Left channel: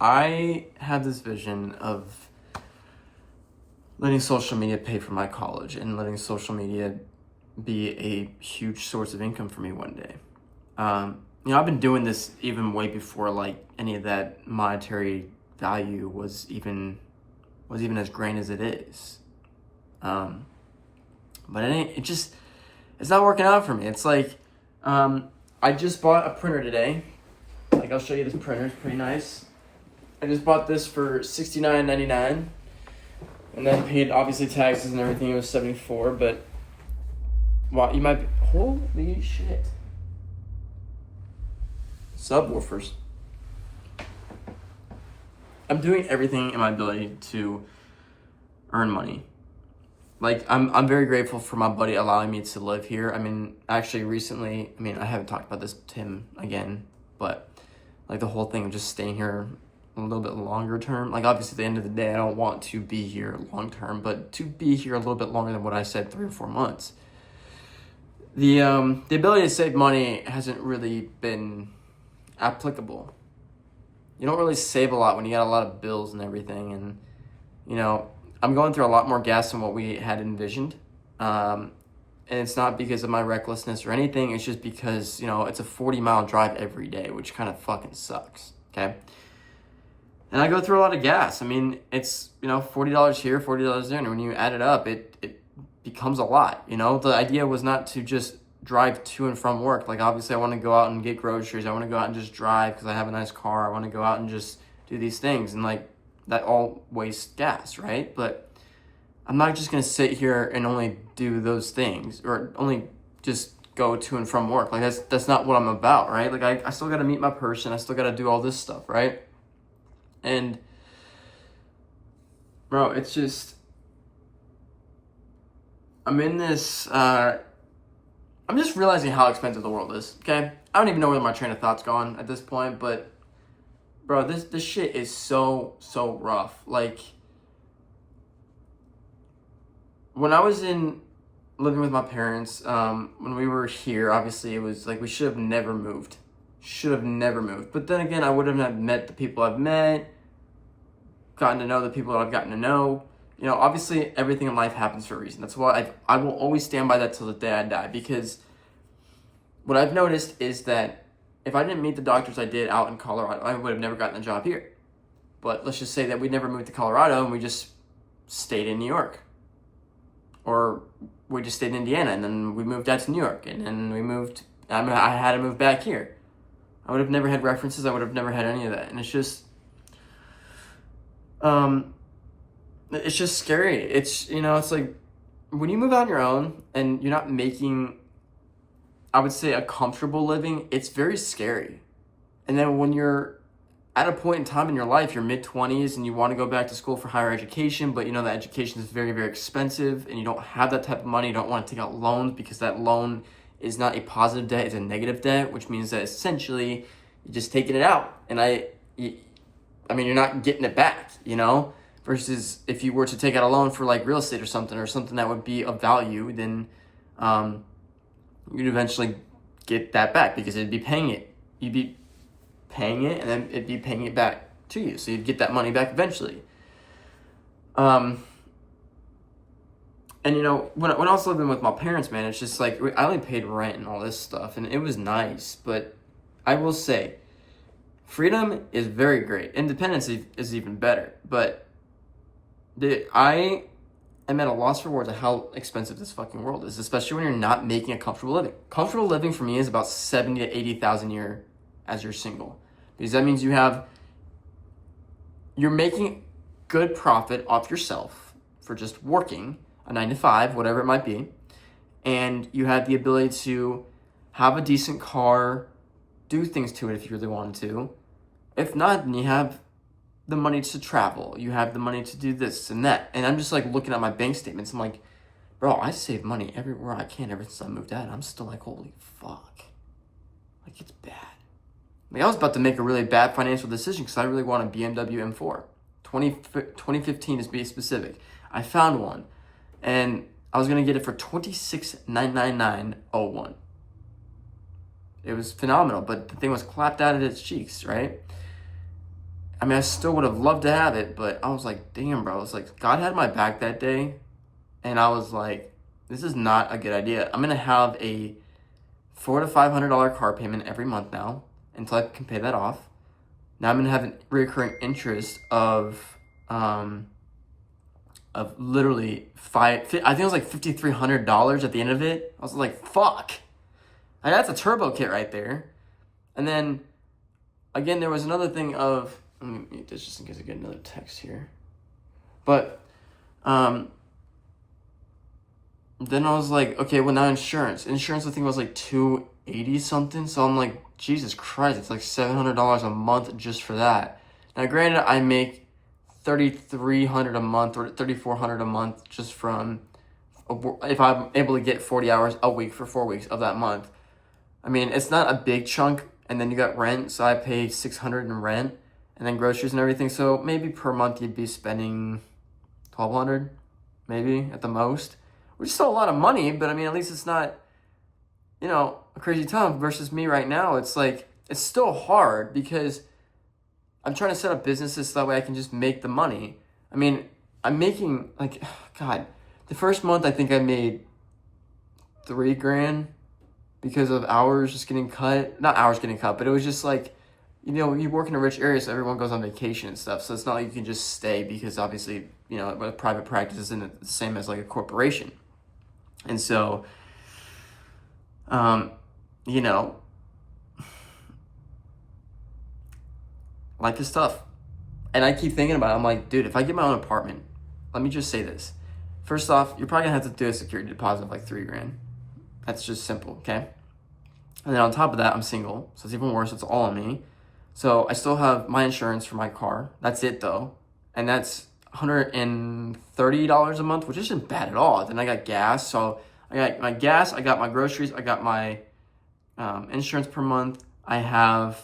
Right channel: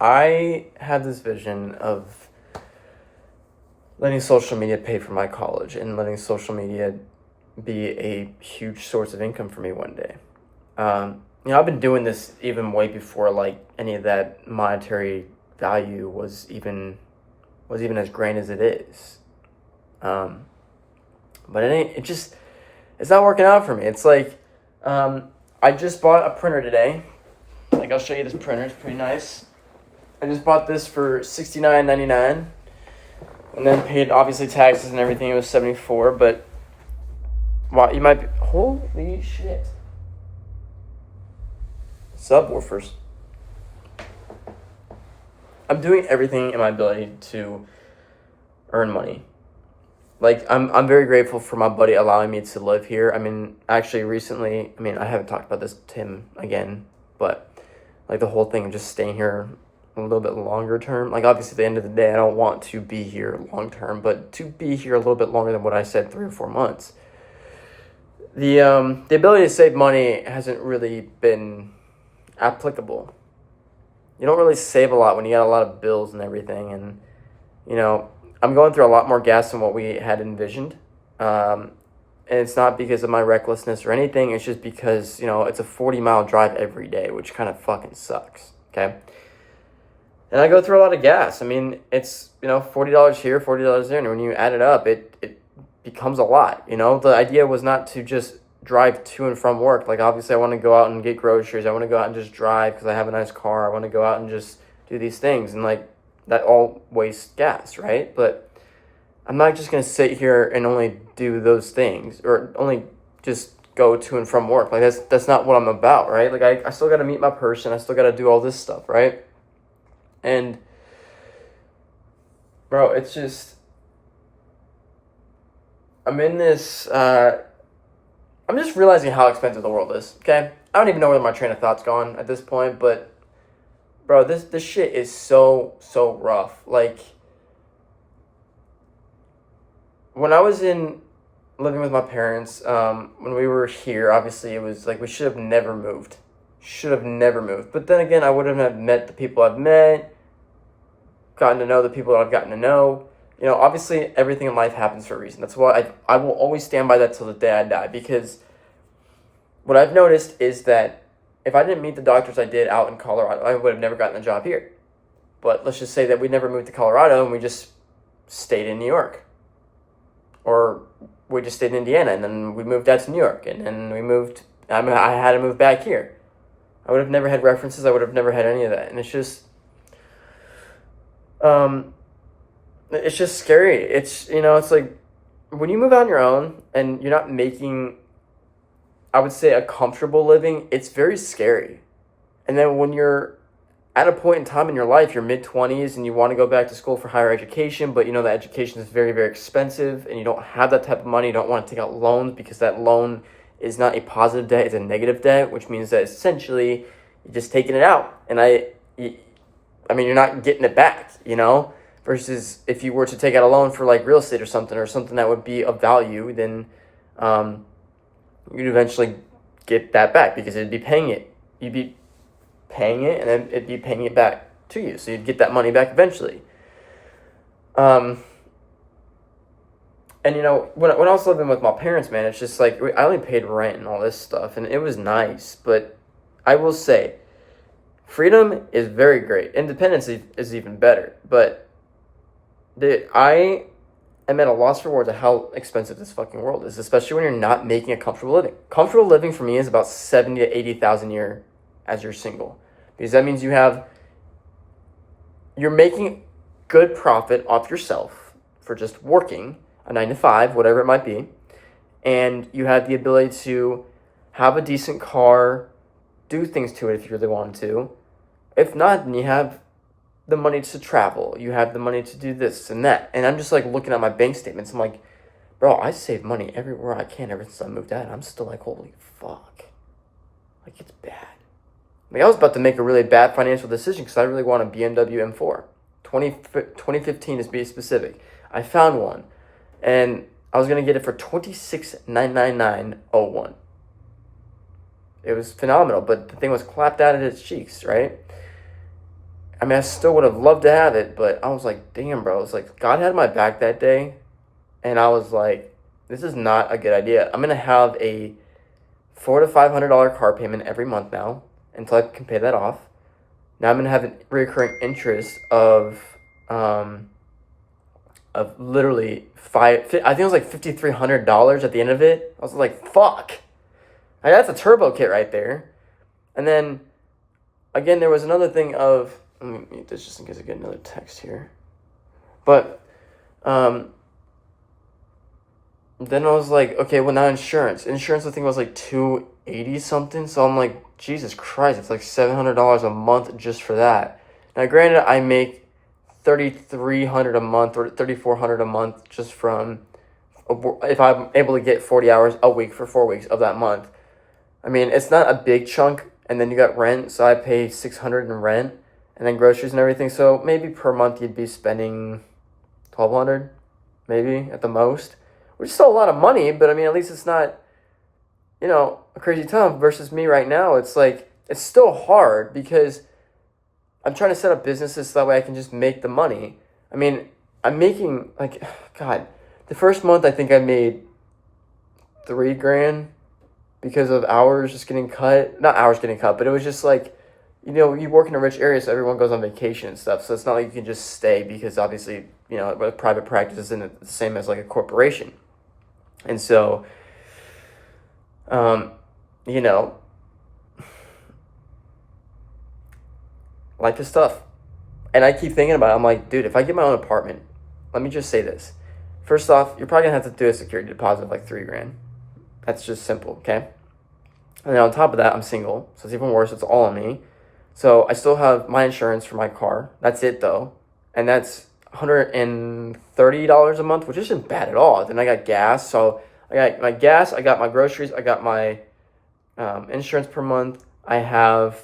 I have this vision of letting social media pay for my college and letting social media be a huge source of income for me one day. I've been doing this even way before like any of that monetary value was even as grand as it is. Um, but it's not working out for me. It's like I just bought a printer today. Like I'll show you this printer. It's pretty nice. I just bought this for $69.99, and then paid obviously taxes and everything. It was $74. But wow, you might be, holy shit. Subwoofers. I'm doing everything in my ability to earn money. Like I'm very grateful for my buddy allowing me to live here. I mean, actually recently, I haven't talked about this to him again, but like the whole thing of just staying here a little bit longer term. Like obviously at the end of the day, I don't want to be here long term, but to be here a little bit longer than what I said, 3 or 4 months. The ability to save money hasn't really been applicable. You don't really save a lot when you got a lot of bills and everything, and I'm going through a lot more gas than what we had envisioned. And it's not because of my recklessness or anything. It's just because, it's a 40-mile drive every day, which kind of fucking sucks, okay? And I go through a lot of gas. It's, $40 here, $40 there, and when you add it up, it becomes a lot, The idea was not to just drive to and from work. Like, obviously, I want to go out and get groceries. I want to go out and just drive because I have a nice car. I want to go out and just do these things. And, like, that all wastes gas, right? But I'm not just going to sit here and only do those things or only just go to and from work. Like, that's not what I'm about, right? Like, I still got to meet my person. I still got to do all this stuff, right? And, bro, it's just, I'm in this, I'm just realizing how expensive the world is, okay? I don't even know where my train of thought's gone at this point, but, bro, this shit is so rough. Like, when I was living with my parents, when we were here, obviously it was like we should have never moved. But then again, I wouldn't have met the people I've met, gotten to know the people that I've gotten to know. Obviously everything in life happens for a reason. That's why I will always stand by that till the day I die, because what I've noticed is that if I didn't meet the doctors I did out in Colorado, I would have never gotten a job here. But let's just say that we never moved to Colorado and we just stayed in New York. Or we just stayed in Indiana and then we moved out to New York and then I had to move back here. I would have never had references. I would have never had any of that. And it's just scary. It's like when you move out on your own and you're not making, I would say, a comfortable living, it's very scary. And then when you're at a point in time in your life, your mid-20s, and you want to go back to school for higher education, but that education is very, very expensive, and you don't have that type of money, you don't want to take out loans because that loan is not a positive debt, it's a negative debt, which means that essentially you're just taking it out. And you're not getting it back, versus if you were to take out a loan for like real estate or something that would be of value, then you'd eventually get that back because it'd be paying it. You'd be paying it and then it'd be paying it back to you. So you'd get that money back eventually. And when I was living with my parents, man, it's just like I only paid rent and all this stuff, and it was nice. But I will say, freedom is very great. Independence is even better. But I am at a loss for words of how expensive this fucking world is, especially when you're not making a comfortable living. Comfortable living for me is about $70,000 to $80,000 a year as you're single, because that means you're making good profit off yourself for just working a 9 to 5, whatever it might be, and you have the ability to have a decent car, do things to it if you really wanted to. If not, then you have the money to travel, you have the money to do this and that. And I'm just like looking at my bank statements, I'm like, bro, I save money everywhere I can ever since I moved out. I'm still like, holy fuck, like it's bad. Like I was about to make a really bad financial decision because I really want a BMW M4, 2015 to be specific. I found one, and I was gonna get it for $26,999.01. It was phenomenal, but the thing was clapped out at its cheeks, right? I mean, I still would have loved to have it, but I was like, damn, bro. It's like God had my back that day, and I was like, this is not a good idea. I'm gonna have a $400 to $500 car payment every month now until I can pay that off. Now I'm gonna have an recurring interest of literally I think it was like $5,300 at the end of it. I was like, fuck. Like, that's a turbo kit right there. And then again, there was another thing of, let me mute this just in case I get another text here. But then I was like, okay, well now insurance. Insurance I think was like $280 something. So I'm like, Jesus Christ, it's like $700 a month just for that. Now granted, I make $3,300 a month or $3,400 a month just from, if I'm able to get 40 hours a week for 4 weeks of that month. I mean, it's not a big chunk, and then you got rent, so I pay $600 in rent, and then groceries and everything. So maybe per month you'd be spending $1,200, maybe at the most, which is still a lot of money. But I mean, at least it's not, a crazy ton. Versus me right now, it's like it's still hard because I'm trying to set up businesses so that way I can just make the money. I mean, I'm making like, God, the first month I think I made $3,000 because of hours just getting cut. Not hours getting cut, but it was just like, you work in a rich area, so everyone goes on vacation and stuff. So it's not like you can just stay because obviously, a private practice isn't the same as like a corporation. And so, life is tough. And I keep thinking about it. I'm like, dude, if I get my own apartment, let me just say this. First off, you're probably gonna have to do a security deposit of like $3,000. That's just simple, okay? And then on top of that, I'm single, so it's even worse. It's all on me. So I still have my insurance for my car. That's it though. And that's $130 a month, which isn't bad at all. Then I got gas. So I got my gas, I got my groceries, I got my insurance per month. I have,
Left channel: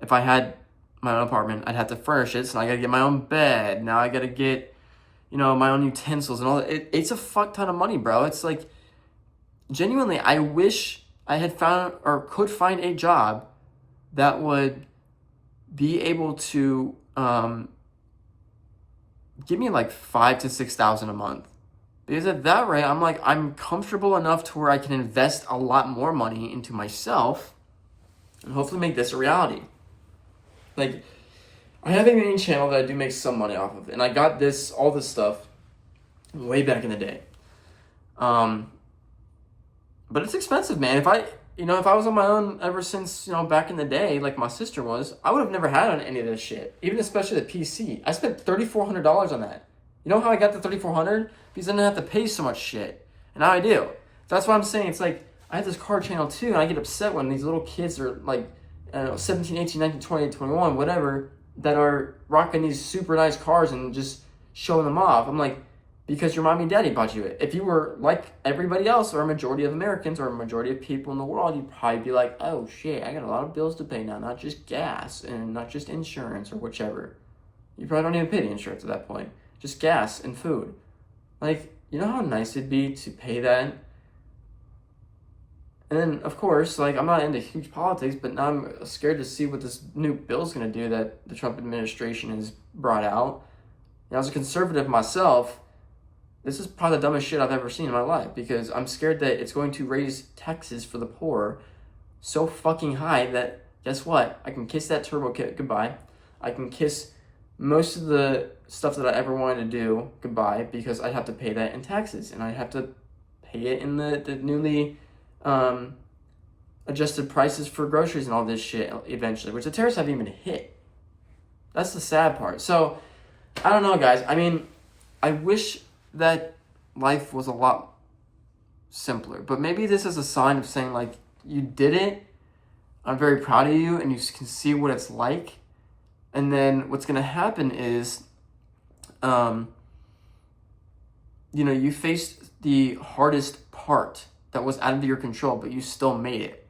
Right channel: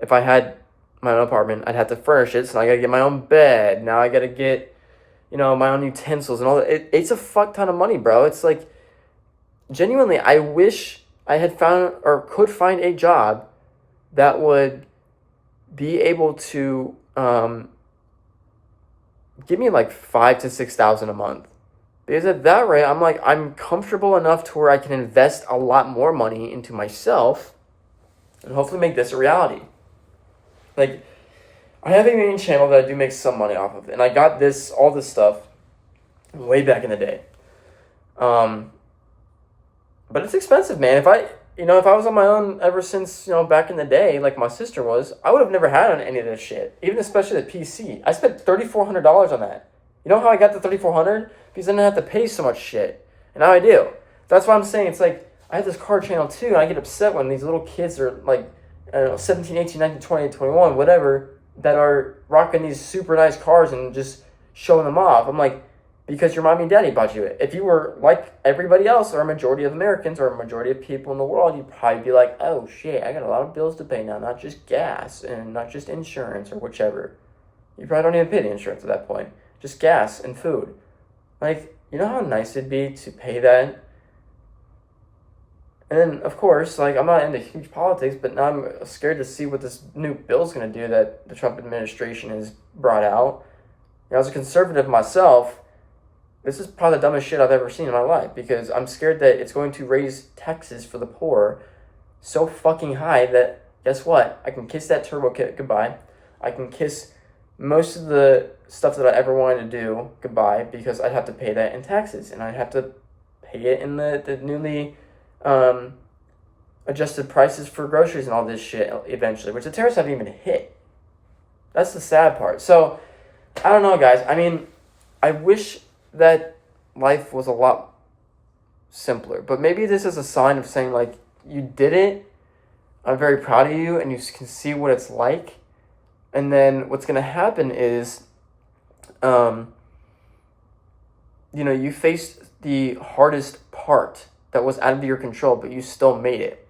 if I had my own apartment, I'd have to furnish it. So I gotta get my own bed. Now I gotta get, my own utensils and all that. It's a fuck ton of money, bro. It's like, genuinely, I wish I had found or could find a job that would be able to give me like $5,000 to $6,000 a month. Because at that rate, I'm comfortable enough to where I can invest a lot more money into myself and hopefully make this a reality. Like, I have a main channel that I do make some money off of, and I got all this stuff way back in the day. But it's expensive, man. If I was on my own ever since, back in the day, like my sister was, I would have never had any of this shit. Even especially the PC. I spent $3,400 on that. You know how I got the $3,400? Because I didn't have to pay so much shit. And now I do. That's why I'm saying it's like, I have this car channel too, and I get upset when these little kids are like, 17, 18, 19, 20, 21, whatever, that are rocking these super nice cars and just showing them off. I'm like, because your mommy and daddy bought you it. If you were like everybody else, or a majority of Americans, or a majority of people in the world, you'd probably be like, oh shit, I got a lot of bills to pay now, not just gas and not just insurance or whichever. You probably don't even pay the insurance at that point. Just gas and food. Like, you know how nice it'd be to pay that? And then, of course, like, I'm not into huge politics, but now I'm scared to see what this new bill's going to do that the Trump administration has brought out. And as a conservative myself, this is probably the dumbest shit I've ever seen in my life, because I'm scared that it's going to raise taxes for the poor so fucking high that, guess what? I can kiss that turbo kit goodbye. I can kiss most of the stuff that I ever wanted to do goodbye, because I'd have to pay that in taxes, and I'd have to pay it in the newly adjusted prices for groceries and all this shit eventually, which the tariffs haven't even hit. That's the sad part. So, I don't know, guys. I mean, I wish that life was a lot simpler, but maybe this is a sign of saying, like, you did it, I'm very proud of you, and you can see what it's like. And then what's going to happen is, you faced the hardest part that was out of your control, but you still made it.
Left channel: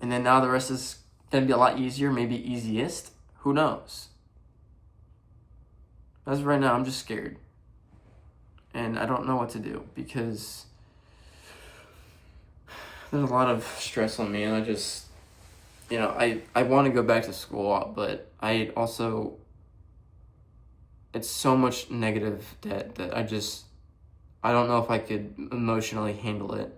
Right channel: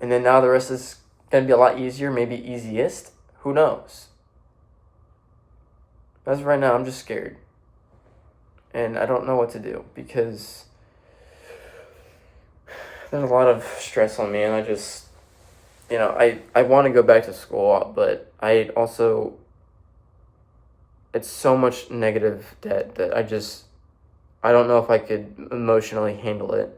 And then now the rest is going to be a lot easier, maybe easiest. Who knows? As of right now, I'm just scared. And I don't know what to do, because there's a lot of stress on me, and you know, I want to go back to school, but I also, it's so much negative debt that I don't know if I could emotionally handle it.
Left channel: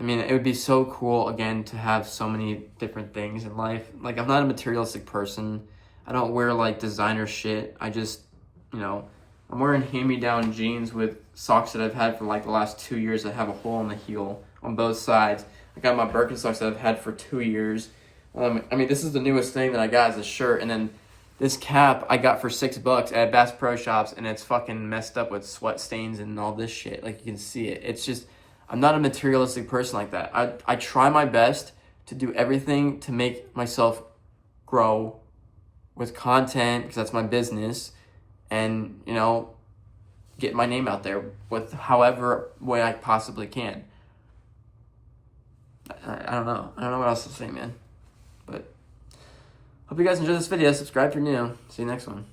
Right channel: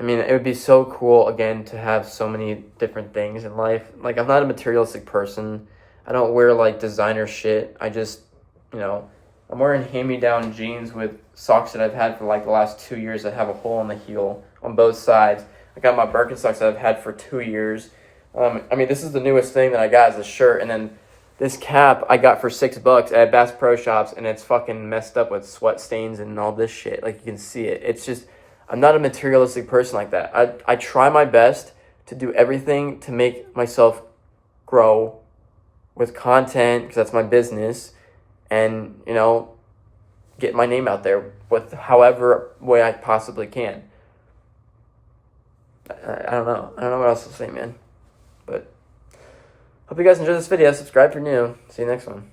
I mean, it would be so cool, again, to have so many different things in life. Like, I'm not a materialistic person. I don't wear, like, designer shit. I just, you know, I'm wearing hand-me-down jeans with socks that I've had for, like, the last 2 years that have a hole in the heel on both sides. I got my Birkenstocks that I've had for 2 years. I mean, this is the newest thing that I got as a shirt, and then this cap I got for $6 at Bass Pro Shops, and it's fucking messed up with sweat stains and all this shit. Like, you can see it. It's just, I'm not a materialistic person like that. I try my best to do everything to make myself grow with content, because that's my business, and, you know, get my name out there with however way I possibly can. I don't know. I don't know what else to say, man. But hope you guys enjoyed this video. Subscribe if you're new. See you next one.